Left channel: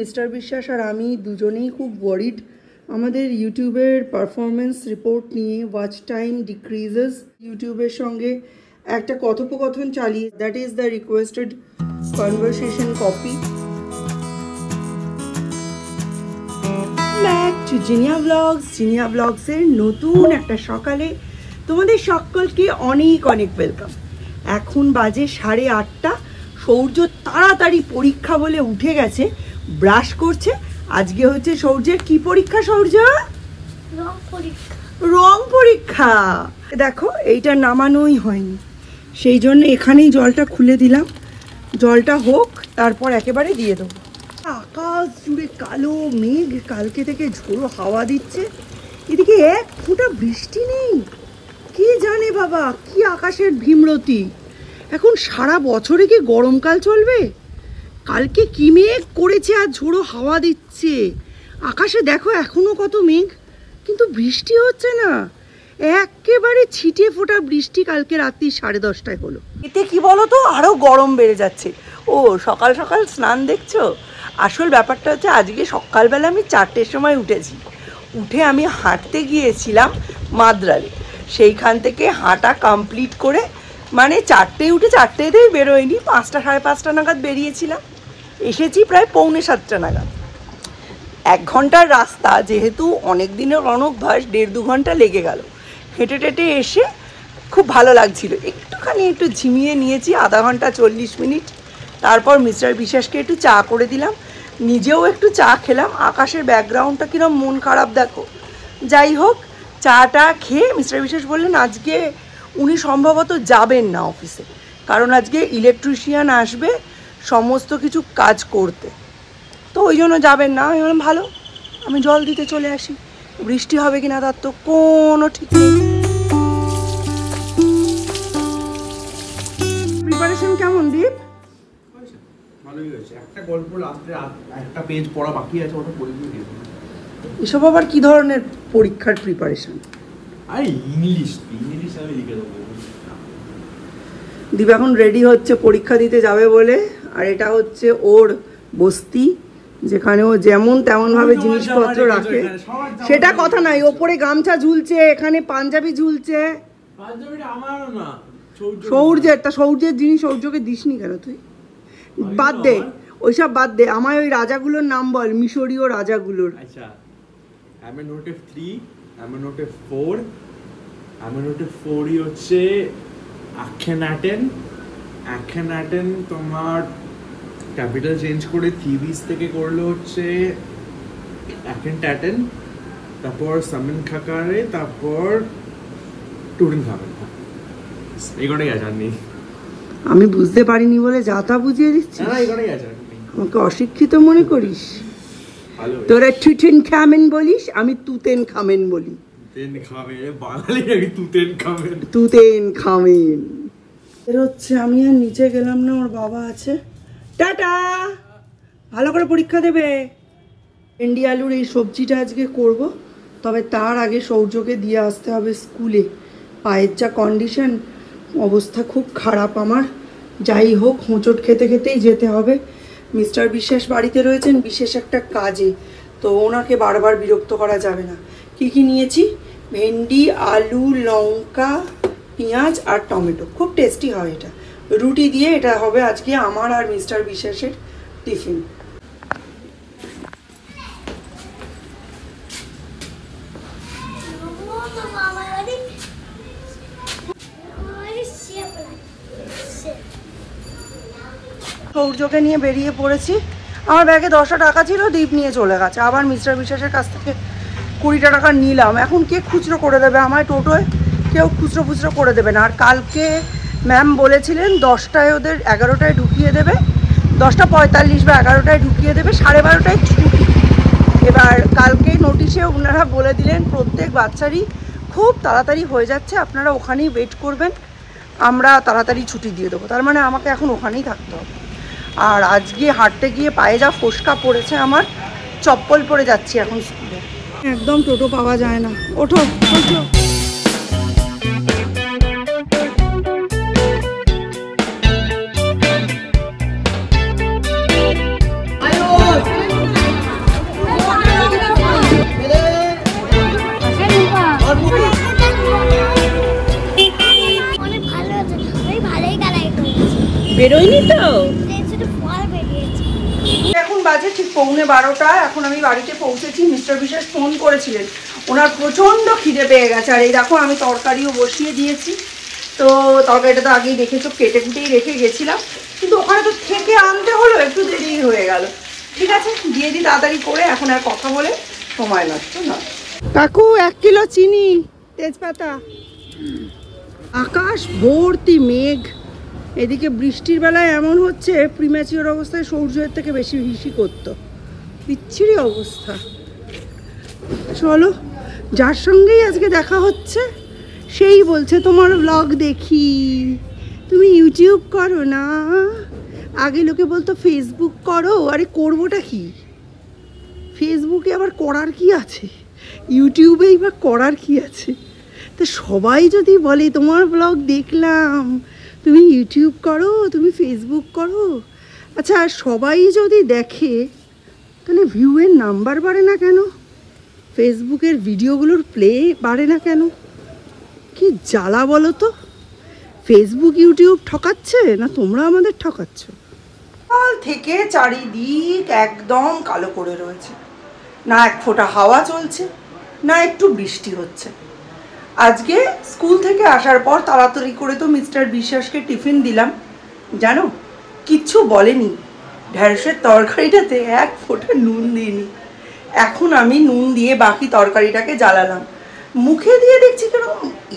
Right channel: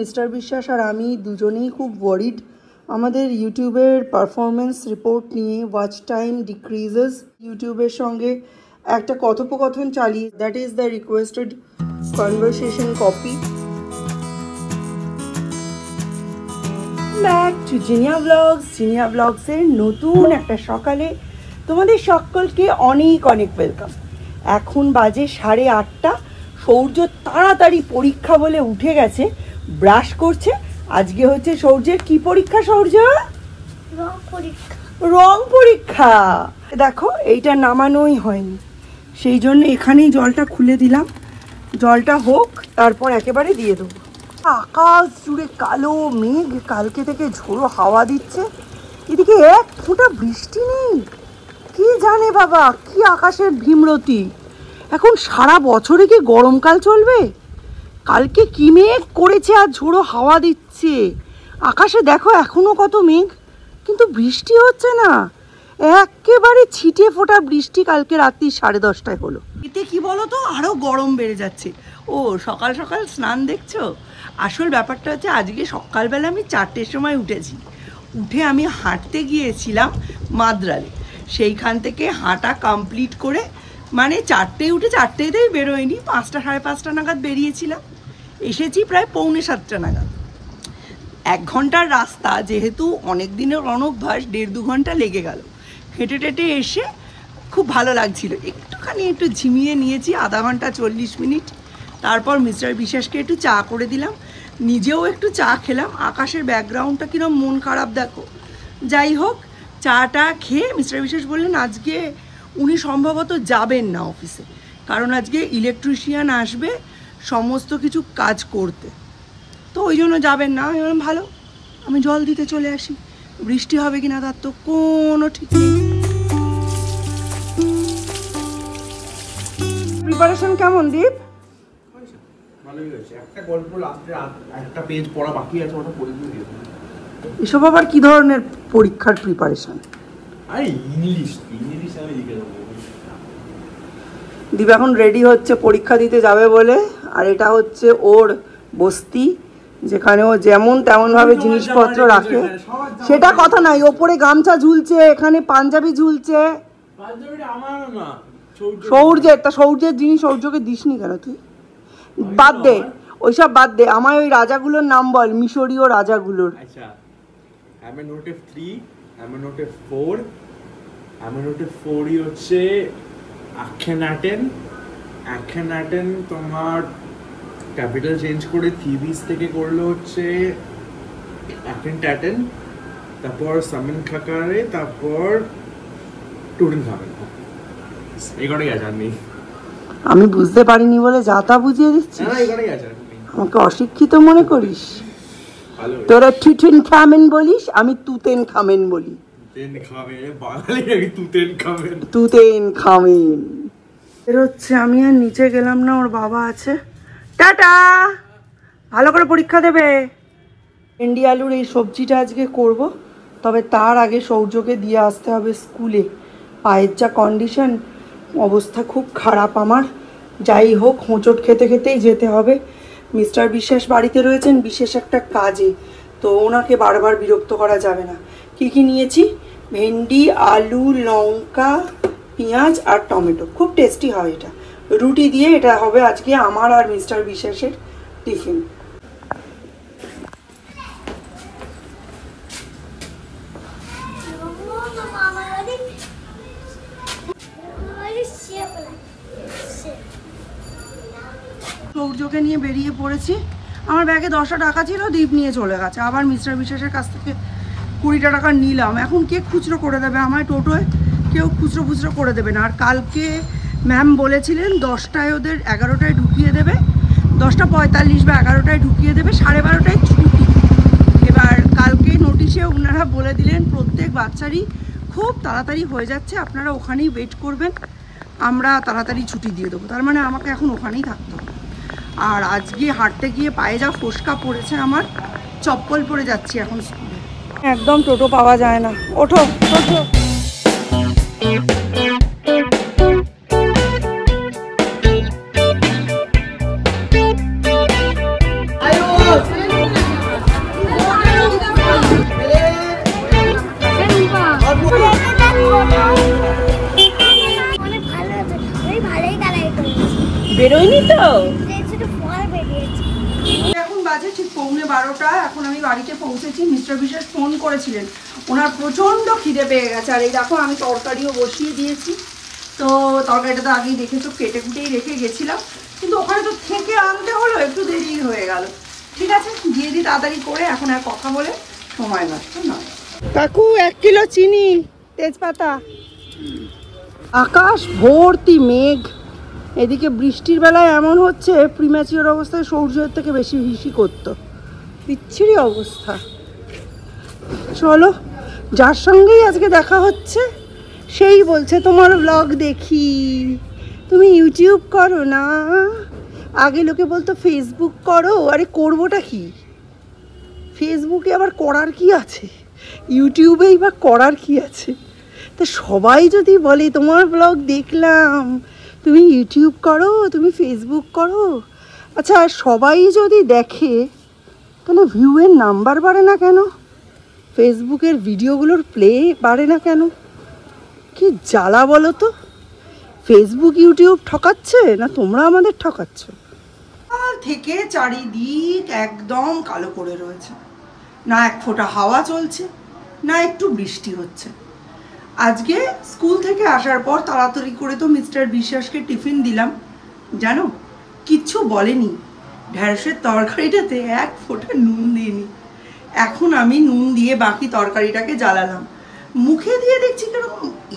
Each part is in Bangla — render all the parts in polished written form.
মিস্টার বিশ্বাস আর আমি দুজনেই খুব ওয়ারিড আমাদের ইউটিউবের পারফরমেন্স রিপোর্ট নিয়ে। Watch time decreases. ইউটিউবের সঙ্গে একটা কথোপকথন চালিয়ে, that is the requested conversation copy. Back to Jinia blogs. Jinia ব্লগসের নতুন একটা সকালে তোমাদের সকলকে অনেক অনেক ওয়েলকাম। এখন বাজে 8:30। সৌর্য তাড়াতাড়ি পরীক্ষা বলে উঠে গেছে, ব্রাশ করছে। আজকে হচ্ছে সৌর্যের কি পরীক্ষা? সৌর্য রং পরীক্ষা। দেখো এইটা নামানোই হয়নি, সেই জন্য এখানেই জলটা খুলে দিলাম। জলটা হোক, তারপর একেবারে দিয়ে দেবো। আকাশ জুড়ে কালো মেঘ, কালকে থেকে ঝোড়ো হাওয়া দিচ্ছে। এদিকে এক ফোঁটা বৃষ্টি নেই। কি জানে বাবা, কি আকাশের ভীমরতি। এখন সারা বছরে কি গরমকাল চলবে? কালকে কি মেঘ করেছে আর ঝোড়ো হাওয়া দিচ্ছে। আকাশে দেখো এখনো কত মেঘ, কিন্তু বৃষ্টি হচ্ছে না। একেবারে ছিটে ফোটা বৃষ্টি কালকে রাত্রি 10:30 হলো। এতে কি বলো তো, আরো গরম বেড়ে যাচ্ছে। ও সকাল সকাল স্নান দেখছো? আসল ব্যাপারটা হচ্ছে আজকে সকালবেলা আমি 4টের সময় উঠেছি। উঠে আমি হাঁটতে গিয়েছিলাম মাদ্রালে। সেইখান থেকে হাঁটা কমপ্লিট করে, মানে 4টেয় উঠে 4টেতেই বেরোয়নি, 5টা সাড়ে 5টা নাগাদ বেরিয়েছিলাম। এসেছি প্রায় 6:45 নাগাদ। 1 ঘন্টার রাস্তা, যেহেতু অনেক দিনের অনভ্যাস, 1.5-2 ঘন্টা লেগে গেল। হেঁটে টেটে এসে খুব ভালো লাগছিল। একটু ঝিমিয়ে নিয়েছি, আধা ঘন্টা 40 মিনিট। তারপর মিস্টার বিশ্বাসকে একটু চা করে দিলাম, নিজেও একটু চা খেলাম। আকাশের ব্যাকগ্রাউন্ডটা কিরম মন খারাপ দেখো। যাই হোক, চাটা খেয়ে মিস্টার বিশ্বাস বললেন আজকে উনি সম্ভবত যাবেন না অফিসে, কারণ আজকে ইলেকট্রিশিয়ান আসবে সমস্ত কিছু কাজ করতে, তো ওই জন্য যাবেন না। আমি বললাম ভালো, আমি জল দিতে চলে আসি। বৃষ্টি হবে কিনা তার তো কোনো ঠিক নেই। প্রিপারেশন কেমন দীপ? একটা গল্প একটা পেজ পড়া বাকি আছে, ওটা পড়ে দিয়ে দেব। এসব আবার কি ধরনের পরীক্ষার প্রিপারেশন? আরে ইংলিশ আমি লিখে দেবো। দীপ এখন রেডি হচ্ছে পরীক্ষা দিতে যাবে বলে। আর এটা হচ্ছে ওর বস্তি, যেখানে ও যেমন তেমন ভাবে জিনিসপত্র রাখে। সেটা কথা নাই, ওপরে গামছা ঝুলছে, এখানে পাঞ্জাবি ঝুলছে। সৌর্যের, তা সৌর্যের জিনিস সৌর্যকে দিসনি কেন তুই? বাদ দে, ওইসব বাদ দে। আমায় ওই রাজাগুলোর নাম বল, মিশরীয় রাজাগুলোর। আচ্ছা, অ্যামেনোটেপ 3, অ্যামেনোটেপ 4, অ্যামেনোটেপ 4ই হচ্ছে আখেনাটেন। তোমার ক্যাপিটাল চেঞ্জ করে থিবিস থেকে করলে হচ্ছে অ্যাকেনটাটেন, তারপর সামিন খাকারে, তারপর টুরিন খাবেন। এই কটাই আছে, আর নেই। আমি বুঝতে পারিনি বলে যা তা বুঝিয়ে দিচ্ছি। না, এই কটাই আছে। আমাকে অশিক্ষিত মনে করিস? তোরা টুটেন খামেন বলিস, আমি তুতেন খামেন বলি। তুতেন খামেন এর হচ্ছে। আমি আর নিচে গেলাম না, ওর বাবা আছে। টাটা, ভালো করে পরীক্ষা দেবে। ভেন্ডি আলুর এই সবজিটা আজকে করব, তবে তার আগে সৌর্যকে দিয়ে আসতে হবে স্কুলে। পায়ের যা কন্ডিশন, অবস্থা খুব খারাপ আমার। যাই হোক, হোঁচট খেতে খেতেই যেতে হবে। মিস্টার বিশ্বাস বাড়িতে রয়েছেন বিশেষ একটা কাজে, তো ওনাকে বারবার বিরক্ত করা যাবে না। কি কি নিয়েছি? ভেন্ডি, আলু, লঙ্কা, পেঁয়াজ আর টমেটো। খুব টেস্টি হয় এটা। রুটি দিয়ে এটা হবে আজকে আমার আর মিস্টার বিশ্বাসের টিফিন। সৌর্যকে নিয়ে বেরিয়ে পড়েছি। আমার ব্যাগে 10টা টাকা ছিল, দীপ নিয়ে চলে গেছে। আবার মিস্টার বিশ্বাসের কাছ থেকে 20টা টাকা নিলাম। এখন কে খুচরো করে দেবে? আমার টোটোয় কেউ খুচরো করে দেবে না। আর কালকে ম্যাম বলেছিলেন 10টায় ওদের 11টায় ঢুকিয়ে দেবে, 10:45 বা 11টায় ঢুকিয়ে দেবে, 12:30টায় ছুটি। এবার কালকে নোটিশে ওনারা বলে দিলেন প্রত্যেক বাচ্চারই খুব তাড়াতাড়ি হয়ে যাচ্ছে, আপনারা ওখানেই ওয়েট করবেন, আমরা তাড়াতাড়ি ছুটি দিয়ে দেবো। তার মানে আমাকে এখন ওখানেই থাকতে হবে। আর আজকে হাঁটতে গিয়ে পায়ে যা ফোসকা পড়েছে আমার, চপ্পল পরে যাচ্ছি এখন স্কুলে। একদম টোটো পাওয়া যায় না। ওঠো ওঠো। বেরোয়নি তো। এখন বাজে ঠিক 11:15। এখন আমি বাড়িতে পৌঁছেছি। মিস্টার বিশ্বাস ফোন করেছিলেন, ওনার প্রচন্ড খিদে পেয়ে গেছে। আর এই দেখো আমি তরকারিও বসিয়ে দিয়েছি। তো তরকারিটা তো আগেই দেখেছো, কেটে কুটেই রেখে গেছিলাম, কিন্তু ওখানে তো থেকে আনতে হলো, একটু দেরি হয়ে গেল। ঠিক আছে, দিয়ে দিই তাড়াতাড়ি করে, এখন আর কথা বলে সময় নষ্ট নয়। কাকু 1 কিলো চিনি, তেজপাতা। আকাশ ভর্তি মেঘ, এদিকে বৃষ্টির বেলায় এমন হচ্ছে প্রিম্যাচিওর অবস্থায় সূর্যের থেকে বেশি হিসি করতো, বিচ্ছিরি অবস্থা। চলো, যার সঙ্গেই আজকে দেখা হচ্ছে সেই বলছে তোমার ব্লগ দেখি, তুমি ইউটিউব করো না। আগে লোকে বলতো ফেসবুক করো, আরে করবোটা কি? ফেসবুকে আবার করার কি আছে, ইউটিউবেই বা করার কি আছে? তা সবাই যদি বলে তোমার ব্লগ দেখলাম, তুমি ইউটিউব করো, তুমি ফেসবুক করো, আচ্ছা সবাই যদি দেখে তাহলে ভিউয়ের নাম্বার বাড়ে না কেন? ফেসবুকের ভিডিওগুলোর প্লে বাড়ে না কেন? কি জ্বালা বলো তো। ফেসবুক ইউটিউব ঠকাচ্ছে না তোমরা আমাদের ঠকাচ্ছ? কাল থেকে চারিদিক একদম কালো করে রয়েছে, না এক ফোঁটা হাওয়া চলছে, না একটু বৃষ্টি হচ্ছে। আজকে স্কুল থেকে আসার পর তাড়াতাড়ি করে তো মিস্টার বিশ্বাসকে টিফিন দিলাম, জানো কিচ্ছু বলেনি। ঢ্যাঁড়সের তরকারিটাতে এক ফোঁটা নুন দিইনি। এখন আমি নুন দিয়ে বাকি তরকারিটাকে জ্বালালাম, মুখে দিয়ে দেখছি কেন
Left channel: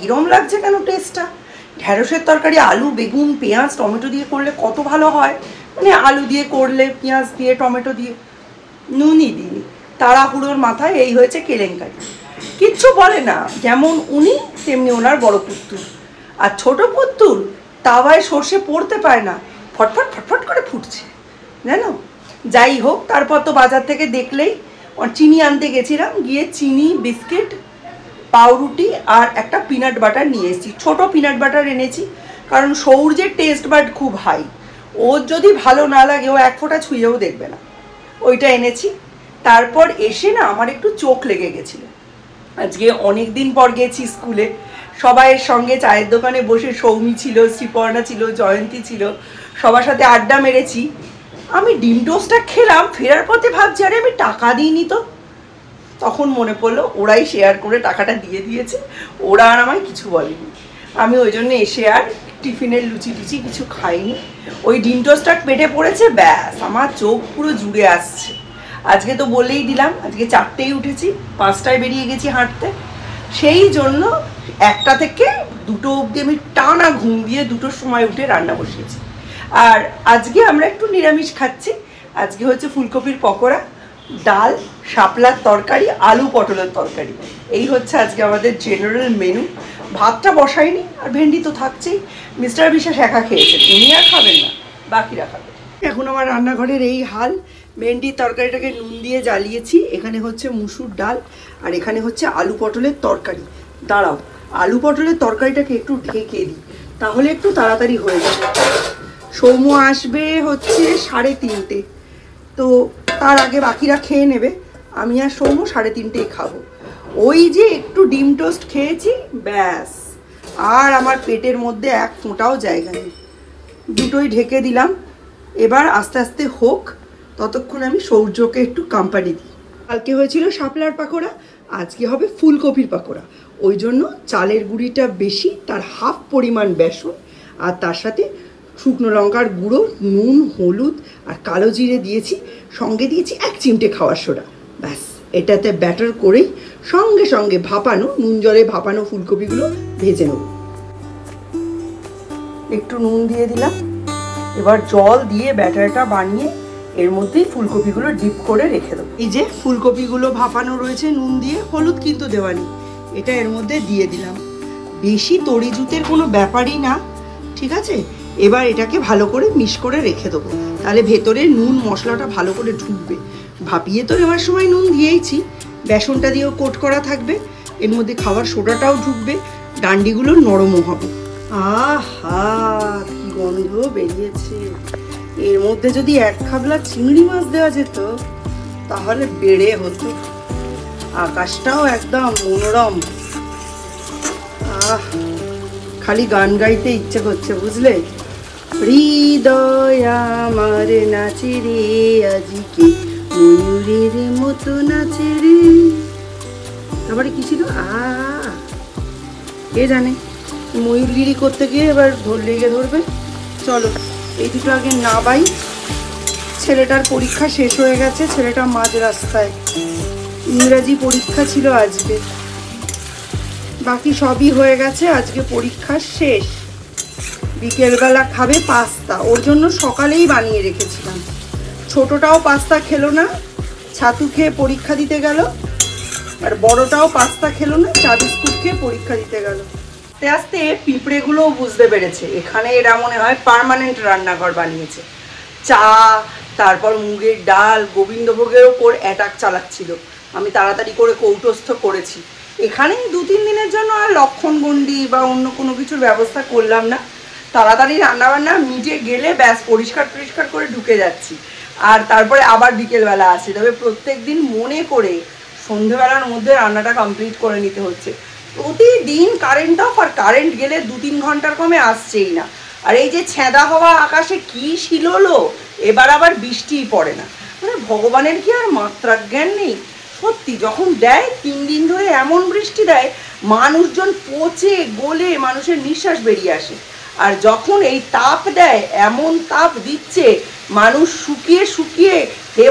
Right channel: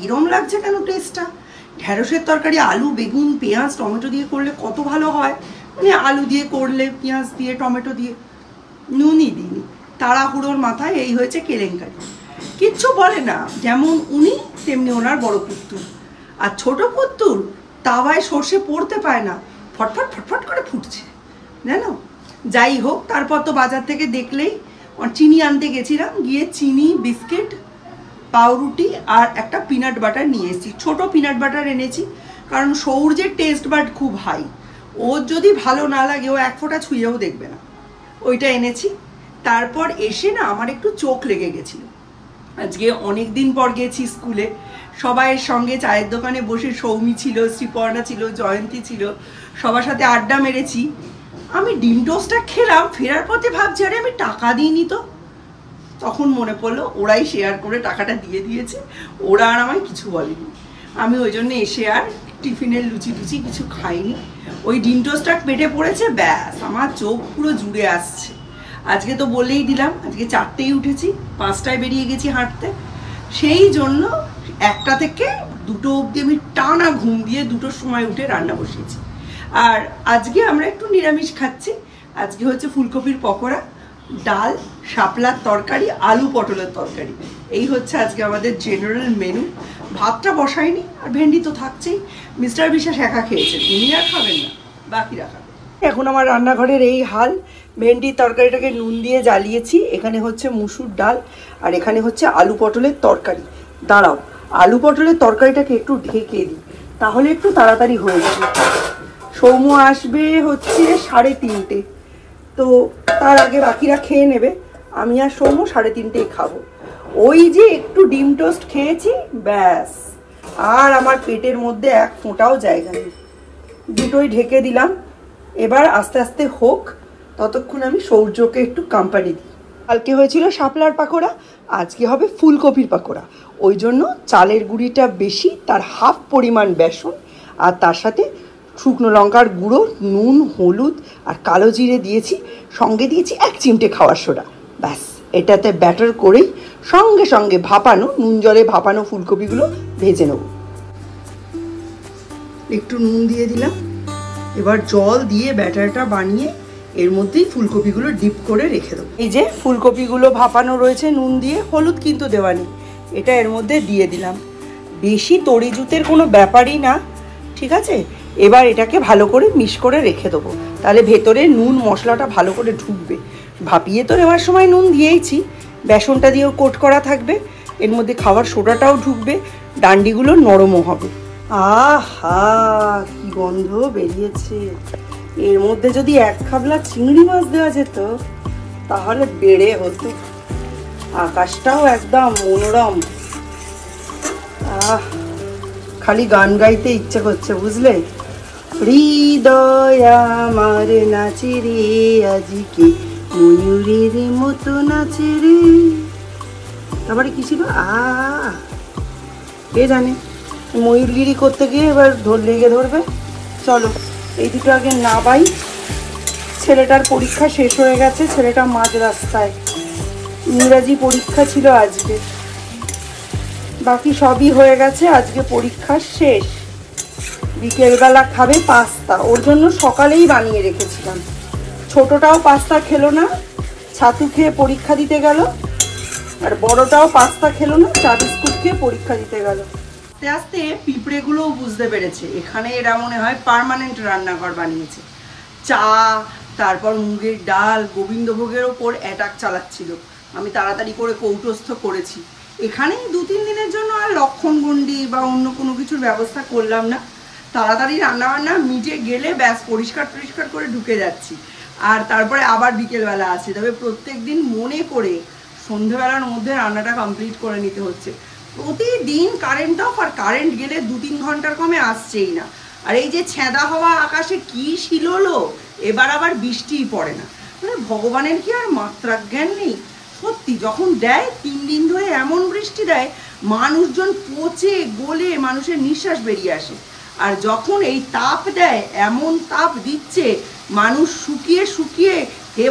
এরম লাগছে কেন টেস্টটা। ঢ্যাঁড়সের তরকারি আলু বেগুন পেঁয়াজ টমেটো দিয়ে করলে কত ভালো হয়, মানে আলু দিয়ে করলে পেঁয়াজ দিয়ে টমেটো দিয়ে, নুনই দিইনি। তাড়াহুড়োর মাথায় এই হয়েছে কেলেঙ্কারি। কিচ্ছু বলে না, যেমন উনি তেমনি ওনার বড় পুত্তুর। আর ছোট পুত্তুর তাওয়ায় সর্ষে পড়তে পায় না, ফটফট ফটফট করে ফুটছে জানো। যাই হোক, তারপর তো বাজার থেকে দেখলেই চিনি আনতে গেছিলাম, গিয়ে চিনি বিস্কিট পাউরুটি আর একটা পিনাট বাটার নিয়ে এসেছি। ছোটো পিনাট বাটার এনেছি, কারণ সৌর্যের টেস্ট বাড খুব হাই, ওর যদি ভালো না লাগে ও এক ফোঁটা ছুঁয়েও দেখবে না, ওইটা এনেছি। তারপর এসে না আমার একটু চোখ লেগে গেছিলো। আজকে অনেক দিন পর গেছি স্কুলে, সবাইয়ের সঙ্গে চায়ের দোকানে বসে, সৌমি ছিল, শ্রীপর্ণা ছিল, জয়ন্তী ছিল, সবার সাথে আড্ডা মেরেছি। আমি ডিম টোস্টটা খেলাম, ফেরার পথে ভাবছি আরে আমি টাকা দিইনি তো। তখন মনে পড়লো ওরাই শেয়ার করে টাকাটা দিয়ে দিয়েছে, ওরা আর আমায় কিছু বলেনি। আমি ওই জন্য এসে আর টিফিনের লুচি টুচি কিছু খাইনি। ওই ডিম টোস্টটা পেটে পড়েছে, ব্যাস আমার চোখ পুরো জুড়ে আসছে। আজকে তো বলেই দিলাম, আজকে 4টেই উঠেছি, 5টায় বেরিয়ে গেছি হাঁটতে। সেই জন্য 1টা থেকে 2টো অবধি আমি টানা ঘুম দিয়ে 2টোর সময় উঠে রান্না বসিয়েছি। আর আজকে আমরা একটু নিরামিষ খাচ্ছি। আজকে হচ্ছে ফুলকপির পকোড়া, ডাল, শাপলার তরকারি, আলু পটলের তরকারি। এই হচ্ছে আজকে আমাদের জেনারেল মেনু। ভাতটা বসাইনি, আর ভেন্ডি তো থাকছেই। মিস্টার বিশ্বাস একা খেয়েছেন, উনি আর খাবেন না, বাকিরা খাবেন। এখন আমার রান্নাঘরের এই হাল। ভেন্ডির তরকারিটাকে নুন দিয়ে জ্বালিয়েছি, এখানে হচ্ছে মুসুর ডাল, আর এখানে হচ্ছে আলু পটলের তরকারি। দাঁড়াও, আলু পটলের তরকারিটাকে একটু ঢেকে দিই, তাহলে একটু তাড়াতাড়ি হয়ে যাবে। সৌম্য আসবে হচ্ছে 3:30, তো তার আগে বাকিরা খেয়ে নেবে, আমি আর সৌম্য 3:30 খাবো। ওই যে একটু ডিম টোস্ট খেয়েছি, ব্যাস আর আমার পেটের মধ্যে এক ফোঁটাও জায়গা নেই। দুটোই ঢেকে দিলাম, এবার আস্তে আস্তে হোক, ততক্ষণ আমি সৌর্যকে একটু কোম্পানি দিই। কালকে হয়েছিল শাপলার পাকোড়া, আজকে হবে ফুলকপির পাকোড়া। ওই জন্য চালের গুঁড়িটা বেশি, তার হাফ পরিমাণ বেসন, আর তার সাথে শুকনো লঙ্কার গুঁড়ো, নুন, হলুদ আর কালো জিরে দিয়েছি, সঙ্গে দিয়েছি 1 চিমটে খাওয়ার সোডা। ব্যাস এটাতে ব্যাটার করেই সঙ্গে সঙ্গে ভাপানো, নুন জলে ভাপানো ফুলকপিগুলো ভেজে নেব। একটু নুন দিয়ে দিলাম, এবার জল দিয়ে ব্যাটারটা বানিয়ে এর মধ্যেই ফুলকপিগুলো ডিপ করে রেখে দেবো। এই যে ফুলকপিগুলো ভাপানো রয়েছে নুন দিয়ে, হলুদ কিন্তু দেওয়া নেই, এটা এর মধ্যে দিয়ে দিলাম। বেশি তরি জুতের কোনো ব্যাপারই না, ঠিক আছে। এবার এটাকে ভালো করে মিক্স করে রেখে দেবো, তাহলে ভেতরে নুন মশলাটা ভালো করে ঢুকবে। ভাপিয়ে তো নেওয়ার সময় নুন দিয়েইছি, বেসনটা দিয়েও কোট করা থাকবে, এর মধ্যে খাবার সোডাটাও ঢুকবে, ডান্ডিগুলো নরমও হবে। আহা কি গন্ধ বেরিয়েছে। এর মধ্যে যদি 1 খাবলা চিংড়ি মাছ দেওয়া যেত তাহলে বেড়ে হতো। আকাশটাও একদম মনোরম। খালি গান গাইতে ইচ্ছা করছে বুঝলে। হৃদয় আমার নাচে রে আজকে ময়ূরের মতো নাচে রে। তারপরে কি ছিল কে জানে, ময়ূরগিরি করতে গিয়ে এবার লেগে ধরবে। চলো এই দুটো আগে নাবাই। ছেলেটার পরীক্ষা শেষ হয়ে গেছে, ছেলেটা মাঝ রাস্তায়, ইংরাজি পরীক্ষা ছিল আজকে, বাকি সবই হয়ে গেছে। আজকে পরীক্ষা শেষ, বিকেলবেলা খাবে পাস্তা, ওর জন্য সকালেই বানিয়ে রেখেছিলাম। ছোটটাও পাস্তা খেলো না, ছাতু খেয়ে পরীক্ষা দিতে গেল, আর বড়টাও পাস্তা খেলো না, চা বিস্কুট খেয়ে পরীক্ষা দিতে গেল। আস্তে আস্তে পিঁপড়েগুলোও বুঝতে পেরেছে এখানে এরা মনে হয় পার্মানেন্ট রান্নাঘর বানিয়েছে। চা, তারপর মুগের ডাল, গোবিন্দভোগের ওপর অ্যাটাক চালাচ্ছিল। আমি তাড়াতাড়ি করে কৌটস্থ করেছি। এখানে 2-3 দিনের জন্য আর লক্ষণগণ্ডি বা অন্য কোনো কিছুর ব্যবস্থা করলাম না। তাড়াতাড়ি রান্নাবান্না মিটে গেলে ব্যাস পরিষ্কার করে ঢুকে যাচ্ছি, আর তারপরে আবার বিকেলবেলা আসি। তবে প্রত্যেক দিন মনে করে সন্ধেবেলার মধ্যে রান্নাটা কমপ্লিট করে নিতে হচ্ছে। প্রতিদিন কারেন্ট অফ, আর কারেন্ট গেলে 2-3 ঘন্টার কমে আসছেই না। আর এই যে ছেঁদা হওয়া আকাশে কি শিলোলো, এবার আবার বৃষ্টিই পড়ে না। মানে ভগবানের কি আর মাত্রা জ্ঞান নেই? সত্যি যখন দেয় 3 দিন ধরে এমন বৃষ্টি দেয়, মানুষজন পচে গলে মানুষের নিঃশ্বাস বেরিয়ে আসে। আর যখন এই তাপ দেয়, এমন তাপ দিচ্ছে মানুষ শুকিয়ে শুকিয়ে হে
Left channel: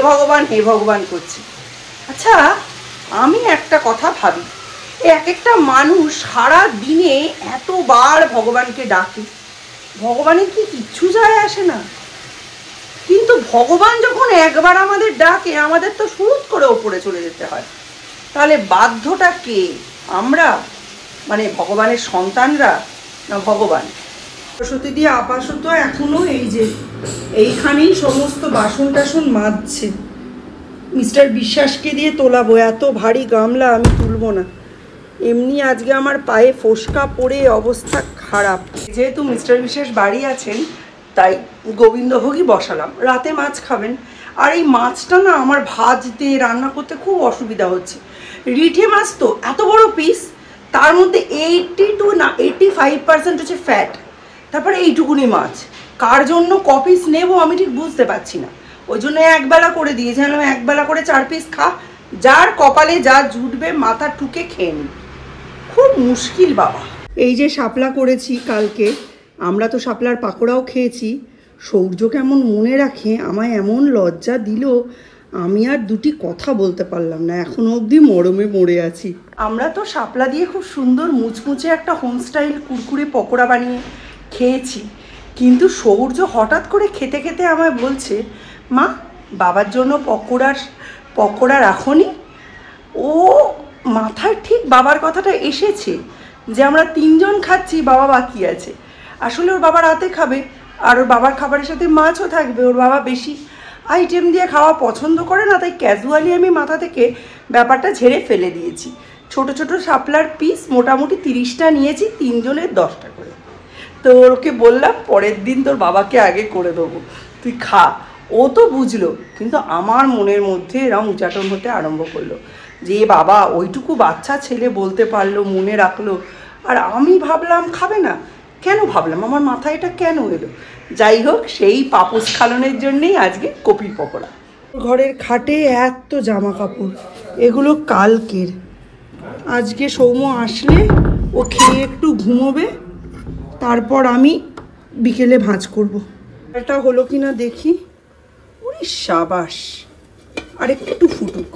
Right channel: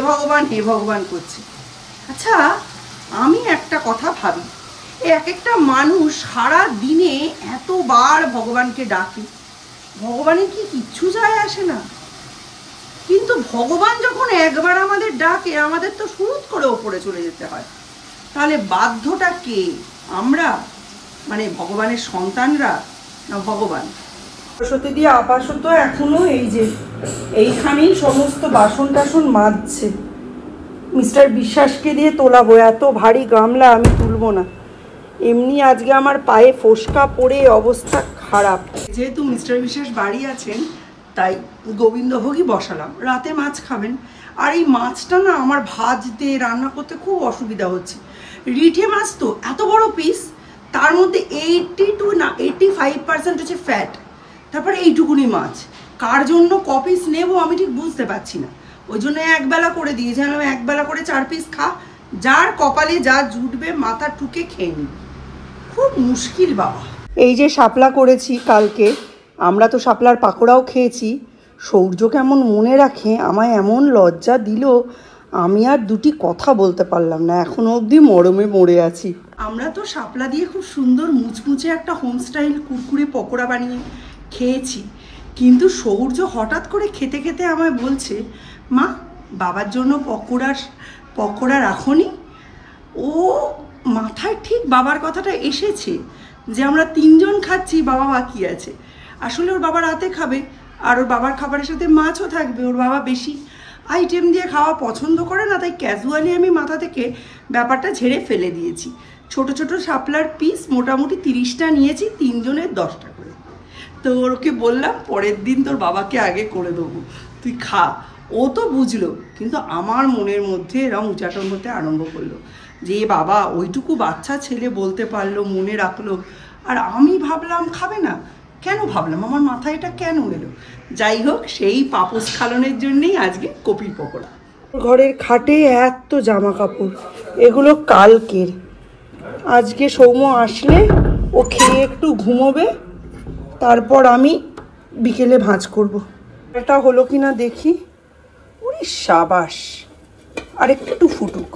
ভগবান করছে। আচ্ছা, আমি একটা কথা ভাবি, এক একটা মানুষ সারা দিনে এতবার ভগবানকে ডাকে, ভগবানের কি কিচ্ছু যায় আসে না? কিন্তু ভগবান যখন একবার আমাদের ডাকে, আমাদের তো সুরুৎ করে ওপরে চলে যেতে হয়। তাহলে বাধ্যটা কে? আমরা, মানে ভগবানের সন্তানরা, না ভগবান? সরস্বতী দিয়ে আপাতত এখনো এই যে এইখানেই সমস্ত বাসন টাসন মাজছে। মিস্টার বিশ্বাসকে দিয়ে তোলাবো, এত ভারী গামলা আমি তুলবো না। এমনি আজকে আমার পায়ে ফোসকা পড়ে অবস্থা খারাপ। যেহেতু মিস্টার বিশ্বাস বাড়ি আছেন, তাই গোবিন্দভোগই বসালাম। রাতে মাছ খাবেন, আর এই মাছটা না আমার ভাজতে রান্না করতে খুব অসুবিধা হচ্ছে। রিঠে মাছ তো এত বড় পিস, তার মধ্যে 85% হচ্ছে ফ্যাট, তারপরে এইটুকুনি মাছ। কার জন্য ক পিস নেবো আমি ঠিক বুঝতে পারছি না। ওই জন্য একবেলা করে দিয়েছিলাম, একবেলা করে 4 পিস খা, যার কপালে যা জুটবে মাথা ঠুকে খেয়ে নি। খুব মুশকিল বাবা। এই যে শাপলা করেছি কালকে, আমরা তো শাপলার পাকোড়াও খেয়েছি। সৌর্য কেমন মনে রাখে, আমায় এমন লজ্জা দিল, আমি আর দুটি কথা বলতে পারলাম না। এখনো অবধি মরমে মরে আছি। আমরা তো শাপলা দিয়ে খুব সুন্দর মুচমুচে একটা হোম স্টাইল কুরকুরে পকোড়া বানিয়ে খেয়েছি, কিন্তু সৌর্য হঠাৎ করে খেতে খেতে আমায় বলছে, মা বাবার জন্য পকোড়া রাখোনি? ও মাথায় ঠিক বাবার কথাটা এসেছে যে আমরা 3 জন খাচ্ছি, বাবা বাকি আছে। আসলে ওর বাবা রাতে খাবে, আর ওর বাবার খাবারের সাথে মাছও থাকবে। ওর বাবা বেশি আইটেম দিয়ে খাওয়া পছন্দ করে না, তাই ক্যাজুয়ালি আমি মাথা থেকে ব্যাপারটা ঝেড়ে ফেলে দিয়েছি। ছোট ছোট শাপলার পিস মোটামুটি 30টা নিয়েছি, 3 জনের 10টা করে। তো ওকে বললাম পরের দিন তোর বাবাকে আগে করে দেবো, তুই খা। ও তো বুঝলো, কিন্তু আমার মনের মধ্যে এরম উচাটন হতে আরম্ভ করলো যে বাবা ওইটুকু বাচ্চা ছেলে বলতে পারলো, মনে রাখলো, আর আমি ভাবলাম খাবে না। কেন ভাবলাম, আমার মাথায় এটা কেন এলো? যাই হোক, সেই পাপোশ খালনের জন্যেই আজকে কপির পকোড়া। ঘরের খাটে এত জামা কাপড়, এগুলো কালকের। আজকে সৌম্য আসলে ও খেয়ে একটু ঘুমোবে, তারপর আমি বিকেলে ভাঁজ করব। এটা হলো কিনা দেখি। ওরে সাবাস, আর একটু ফুটুক।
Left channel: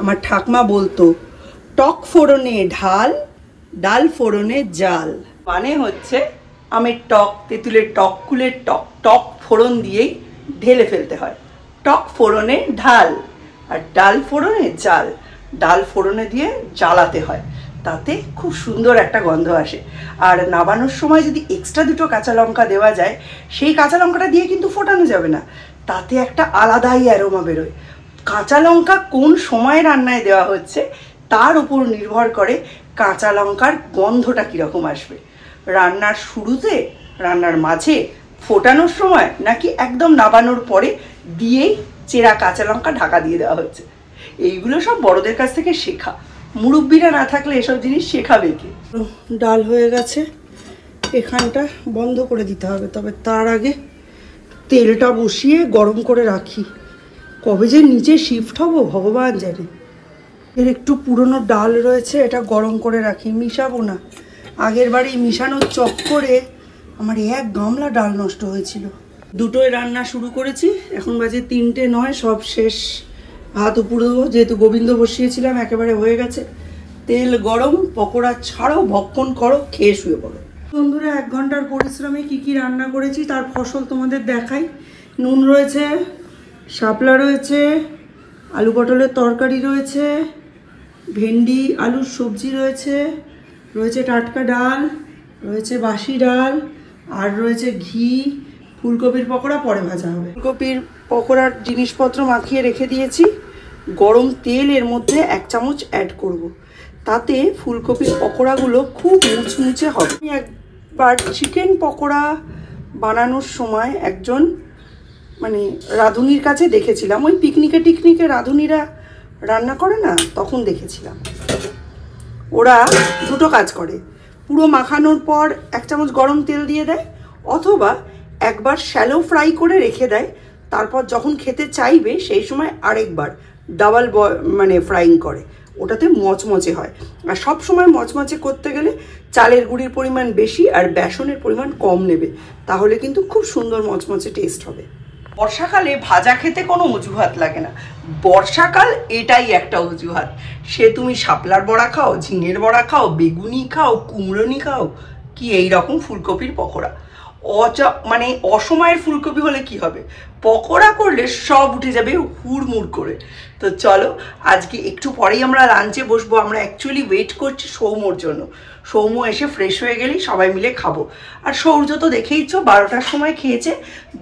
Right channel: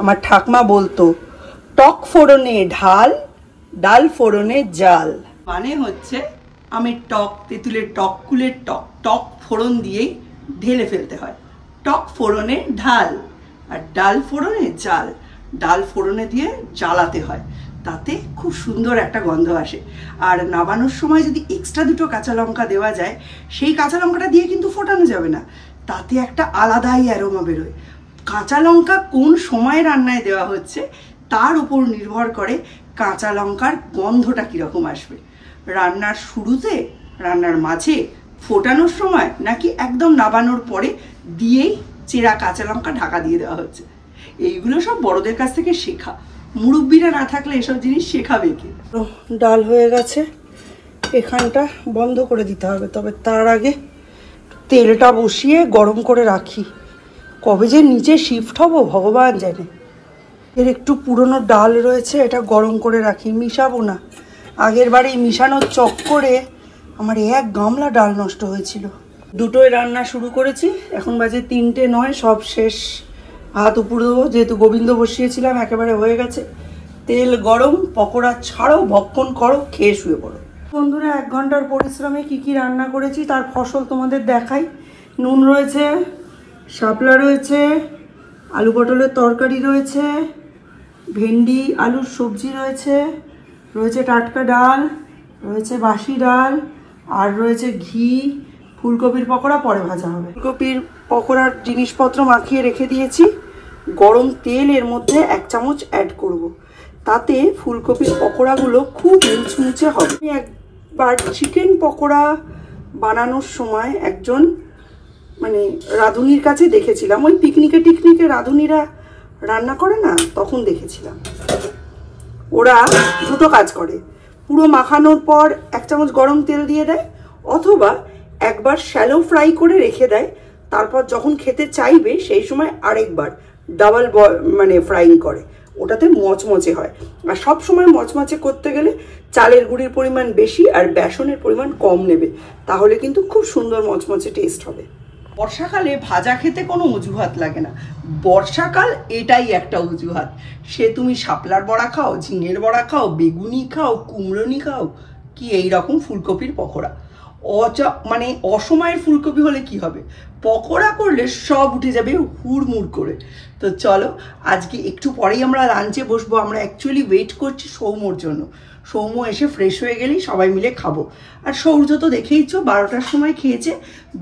আমার ঠাকমা বলতো টক ফোড়নে ঢাল, ডাল ফোড়নে জাল। মানে হচ্ছে আমের টক, তেঁতুলের টক, কুলের টক, টক ফোড়ন দিয়েই ঢেলে ফেলতে হয়। টক ফোড়নে ঢাল আর ডাল ফোড়নে জাল। ডাল ফোড়নে দিয়ে জ্বালাতে হয়, তাতে খুব সুন্দর একটা গন্ধ আসে। আর নাবানোর সময় যদি এক্সট্রা 2টো কাঁচা লঙ্কা দেওয়া যায়, সেই কাঁচা লঙ্কাটা দিয়ে কিন্তু ফোটানো যাবে না, তাতে একটা আলাদাই অ্যারোমা বেরোয়। কাঁচা লঙ্কা কোন সময় রান্নায় দেওয়া হচ্ছে তার উপর নির্ভর করে কাঁচা লঙ্কার গন্ধটা কীরকম আসবে। রান্নার শুরুতে, রান্নার মাঝে, ফোটানোর সময়, নাকি একদম নাবানোর পরে দিয়েই চেরা কাঁচা লঙ্কা ঢাকা দিয়ে দেওয়া হচ্ছে। এইগুলো সব বড়দের কাছ থেকে শেখা, মুরব্বিরা না থাকলে এসব জিনিস শেখাবে কে? ডাল হয়ে গেছে, এখানটা বন্ধ করে দিতে হবে, তবে তার আগে তেলটা বসিয়ে গরম করে রাখি। কবে যে নিচে শিফট হব ভগবান জানে। এর একটু পুরনো ডাল রয়েছে, এটা গরম করে রাখি, মিশাবো না। আগের বারে মিশানোর চক্করে আমার 1 গামলা ডাল নষ্ট হয়েছিল। দুটোই রান্না শুরু করেছি, এখন বাজে 3টে 9, সব শেষ। ভাত উপরে দেবো, যেহেতু গোবিন্দ বসিয়েছিলাম একেবারে হয়ে গেছে। তেল গরম, পকোড়া ছাড়ো, ভক্ষণ করো, খেয়ে শুয়ে পড়ো। বন্ধুরা 1 ঘন্টার পরিশ্রমে কি কি রান্না করেছি তার ফসল তোমাদের দেখাই। নুন রয়েছে, শাপলা রয়েছে, আলু পটলের তরকারি রয়েছে, ভেন্ডি আলুর সবজি রয়েছে, রয়েছে টাটকা ডাল, রয়েছে বাসি ডাল, আর রয়েছে ঘি। ফুলকপির পকোড়া পরে ভাজা হবে। ফুলকপির পকোড়ার জিনিসপত্র মাখিয়ে রেখে দিয়েছি। গরম তেল এর মধ্যে 1 চামচ অ্যাড করব, তাতে ফুলকপির পকোড়াগুলো খুব মুচমুচে হবে। আমি একবার চিকেন পকোড়া বানানোর সময় একজন মানে রাঁধুনির কাছে দেখেছিলাম, ওই পিকনিকে রাঁধুনিরা রান্না করে না, তখন দেখেছিলাম। ওরা দুটো কাজ করে, পুরো মাখানোর পর 1 চামচ গরম তেল দিয়ে দেয়, অথবা একবার শ্যালো ফ্রাই করে রেখে দেয়, তারপর যখন খেতে চাইবে সেই সময় আরেকবার ডাবল মানে ফ্রাইং করে, ওটাতে মচমচে হয়। আর সব সময় মচমচে করতে গেলে চালের গুঁড়ির পরিমাণ বেশি আর বেসনের পরিমাণ কম নেবে, তাহলে কিন্তু খুব সুন্দর মচমচে টেস্ট হবে। বর্ষাকালে ভাজা খেতে কোনো অজুহাত লাগে না, বর্ষাকাল এটাই একটা অজুহাত। সে তুমি শাপলার বড়া খাও, ঝিঙের বড়া খাও, বেগুনি খাও, কুমড়োনি খাও, কি এই রকম ফুলকপির পকোড়া। মানে অসময়ের ফুলকপি হলে কি হবে, পকোড়া করলে সব উঠে যাবে হুড়মুড় করে। তো চলো, আজকে একটু পরেই আমরা লাঞ্চে বসবো। আমরা অ্যাকচুয়ালি ওয়েট করছি সৌম্যর জন্য। সৌম্য এসে ফ্রেশ হয়ে গেলেই সবাই মিলে খাবো। আর সৌর্য তো দেখেইছো 12টার সময় খেয়েছে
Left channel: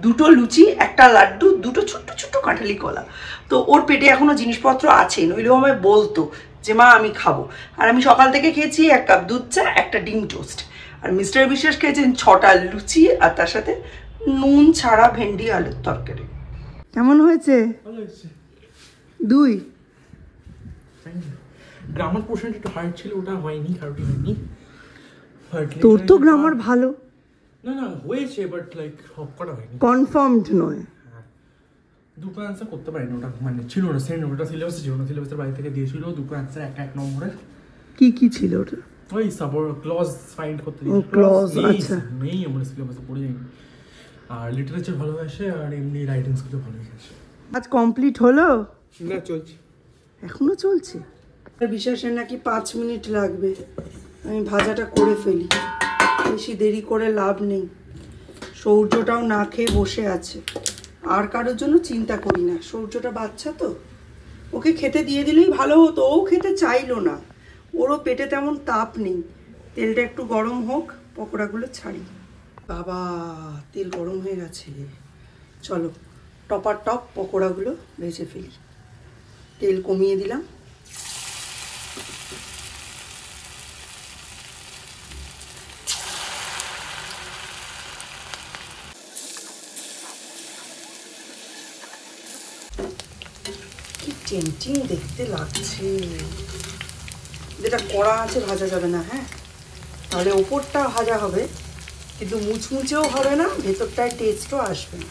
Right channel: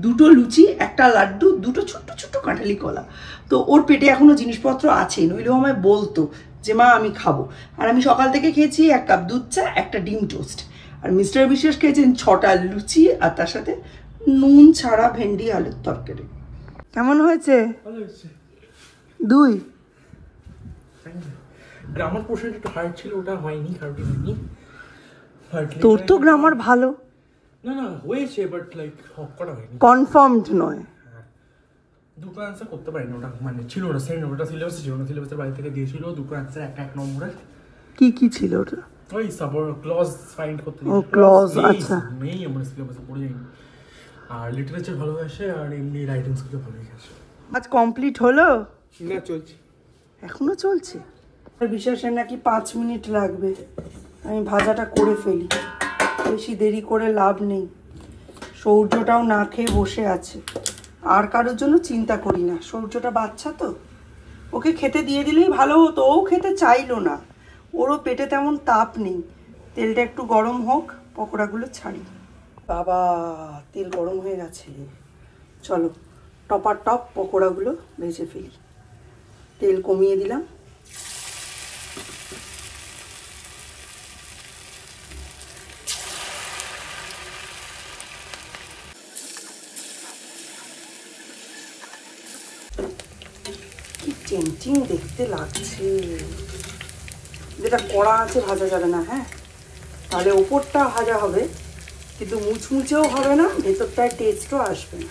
2টো লুচি, 1টা লাড্ডু, 2টো ছোট্ট ছোট্ট কাঁঠালি কলা। তো ওর পেটে এখনো জিনিসপত্র আছে, নইলেও আমায় বলতো যে মা আমি খাবো। আর আমি সকাল থেকে খেয়েছি 1 কাপ দুধ চা, 1টা ডিম টোস্ট। আর মিস্টার বিশ্বাস খেয়েছেন 6টা লুচি, আর তার সাথে নুন ছাড়া ভেন্ডি আলুর তরকারি। কেমন হয়েছে? 2 গ্রামার পোর্শনটা একটু হার্ড ছিল, ওটা হয়নি, হার্ডই হয়নি। তোর তো গ্রামার ভালো। না না হয়েছে, বাট লাইক করা হয়নি, কনফার্মড নয়। দুটো অ্যান্সার করতে পারিনি, ওটা মানে ছিল না, সেন্ড ওটা সিলেবাসে ছিল না, সিলেবাসের বাড়ি থেকে দিয়েছিল 2টো অ্যান্সার 1 নম্বরের। কি কি ছিল ওটা? ওই সাবর ক্লজ ফাইন্ড করতে। ও ক্লজ, আচ্ছা। নেই আমার সিলেবাসে, পড়ে যায়নি। আর লিটারেচার ভালো আসে, আর এমনি রাইটিংস গুলো ভালো আসে। আজ কমপ্লিট হলো না চলছে, এখনো চলছে। বিশ্বাসের নাকি 5 মিনিট লাগবে। আমি ভাজাটা করে ফেলি, বেশি দেরি করে লাভ নেই। সৌর্যটাও না খেয়ে বসে আছে, আর কারোর জন্য চিন্তা করি না। সৌর্যটা বাচ্চা তো, ওকে খেতে দিয়ে দিলেই ভালো হতো, ও খেতে চাইলো না, ওরও পেটে তেমন তাপ নেই। তেলটা একটু গরম হোক, পকোড়াগুলো ছাড়ি। বাবা তেল গরম হয়ে গেছে, চলো টপার টপ পকোড়াগুলো ভেজে ফেলি। তেল কমিয়ে দিলাম। কি টেম্পটিং দেখতে লাগছে। যেটা কড়া আছে ভাজা যাবে না, হ্যাঁ, তাহলে উপরটা ভাজা হবে কিন্তু মুচমুচেও হবে না, ভেতরটায় টেস্টও আসবে না।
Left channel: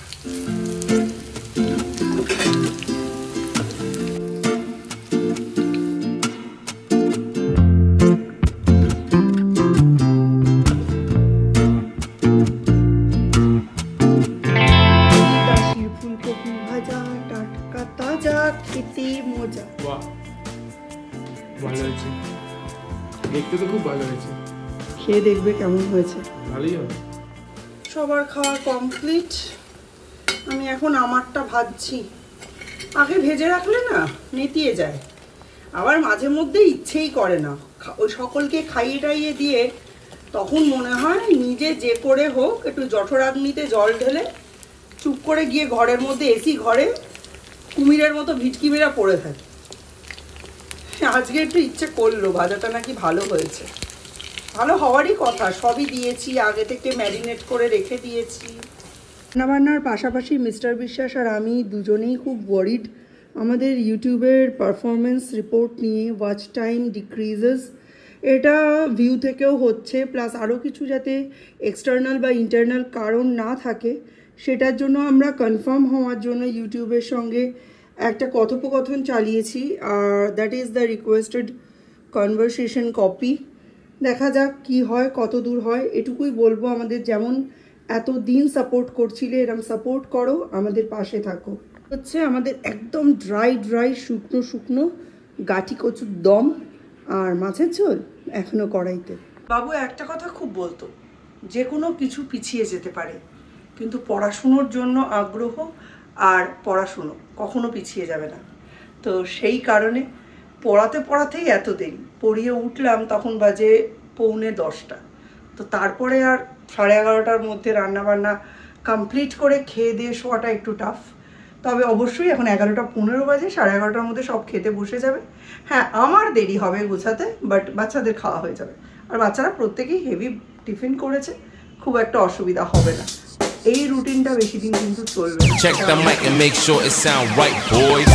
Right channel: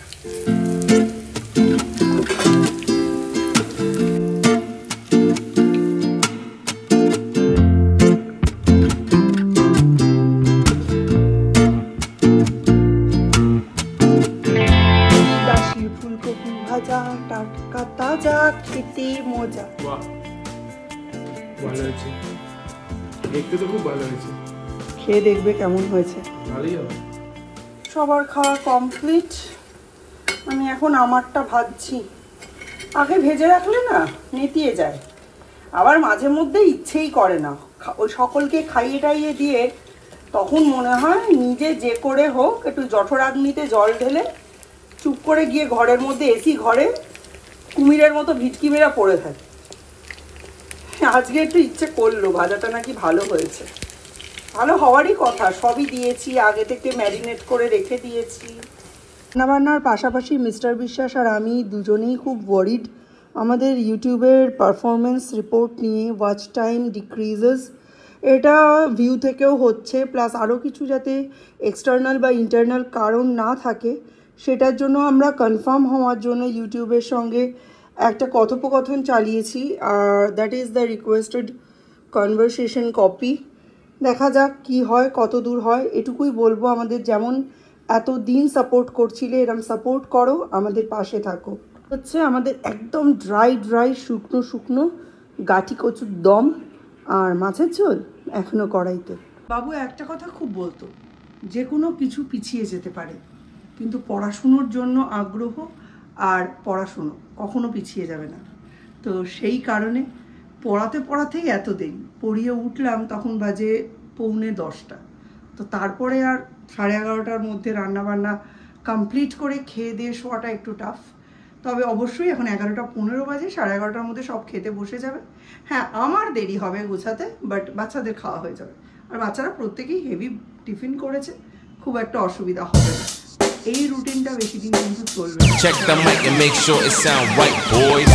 ফুলকপি ভাজা টাটকা তাজা, খেতে মজা। বাহ ভালো হয়েছে, দেখতে তো খুব ভালো হয়েছে, খেয়ে দেখবে কেমন হয়েছে। ভালোই হবে। সবার খাওয়া কমপ্লিট, আমি এখন আমারটা ভাজছি। আগে ভেজে রাখলে না নেতিয়ে যায়, আবার মাঝে মধ্যে ইচ্ছেই করে না। ওই সকলকে খাইয়ে টাইয়ে দিয়ে তখন মনে হয় নিজে যে করে হোক একটু জঠরাগ্নিতে জল ঢেলে চুপ করে গিয়ে ঘরের মধ্যে এসি ঘরে কুমিরের মতো ভিটকি মেরা পড়ে থাকে। আজকে একটু ইচ্ছে করলো, ভাজাটা নাকি ভালো হয়েছে। ভালো হওয়ারই কথা, সবই দিয়েছি, আগে থেকে ম্যারিনেট করে রেখে দিয়েছি। রান্নাবান্নার পাশাপাশি মিস্টার বিশ্বাস আর আমি দুজনেই খুব ওয়ারিড আমাদের ইউটিউবের পারফরমেন্স রিপোর্ট নিয়ে। ওয়াচ টাইম ডিক্রিজেস, এটা ভিউ থেকেও হচ্ছে, প্লাস আরও কিছু যাতে এক্সটার্নাল বা ইন্টারনাল কারণ না থাকে সেটার জন্য আমরা কনফার্ম হওয়ার জন্য ইউটিউবের সঙ্গে একটা কথোপকথন চালিয়েছি, আর that is the requested conversation copy. দেখা যাক কি হয়, কত দূর হয়। এটুকুই বলবো, আমাদের যেমন এত দিন সাপোর্ট করছিলে এরকম সাপোর্ট করো, আমাদের পাশে থাকো। হচ্ছে আমাদের একদম ড্রাই শুকনো শুকনো গাঠি কচুর দম আর মাছের ঝোল এখনো কড়াইতে। বাবু একটা কথা খুব বলতো, যে কোনো কিছু পিছিয়ে যেতে পারে, কিন্তু পড়াশুনোর জন্য আগ্রহ আর পড়াশুনো কখনো পিছিয়ে যাবে না। তো সেই কারণে পড়াতেই এত দেরি, পড়িয়ে উঠলাম তখন বাজে 9:45। তো তারপরে আর 11:30টার মধ্যে রান্নাবান্না কমপ্লিট করে খেয়ে দিয়ে শোয়াটা একটু টাফ। তবে অবশ্যই এখন 11:15 বাজে, 11:30টার মধ্যে সব খেতে বসে যাবে। হ্যাঁ, আমার দেরি হবে গোছাতে, বাট বাচ্চাদের খাওয়া হয়ে যাবে। আর বাচ্চারা প্রত্যেকেই হেভি টিফিন করেছে, খুব একটা অসুবিধা হবে না। এই রুটিনটা বেশি দিন কিন্তু চলবে। Check the mic and make sure it sound right, boys.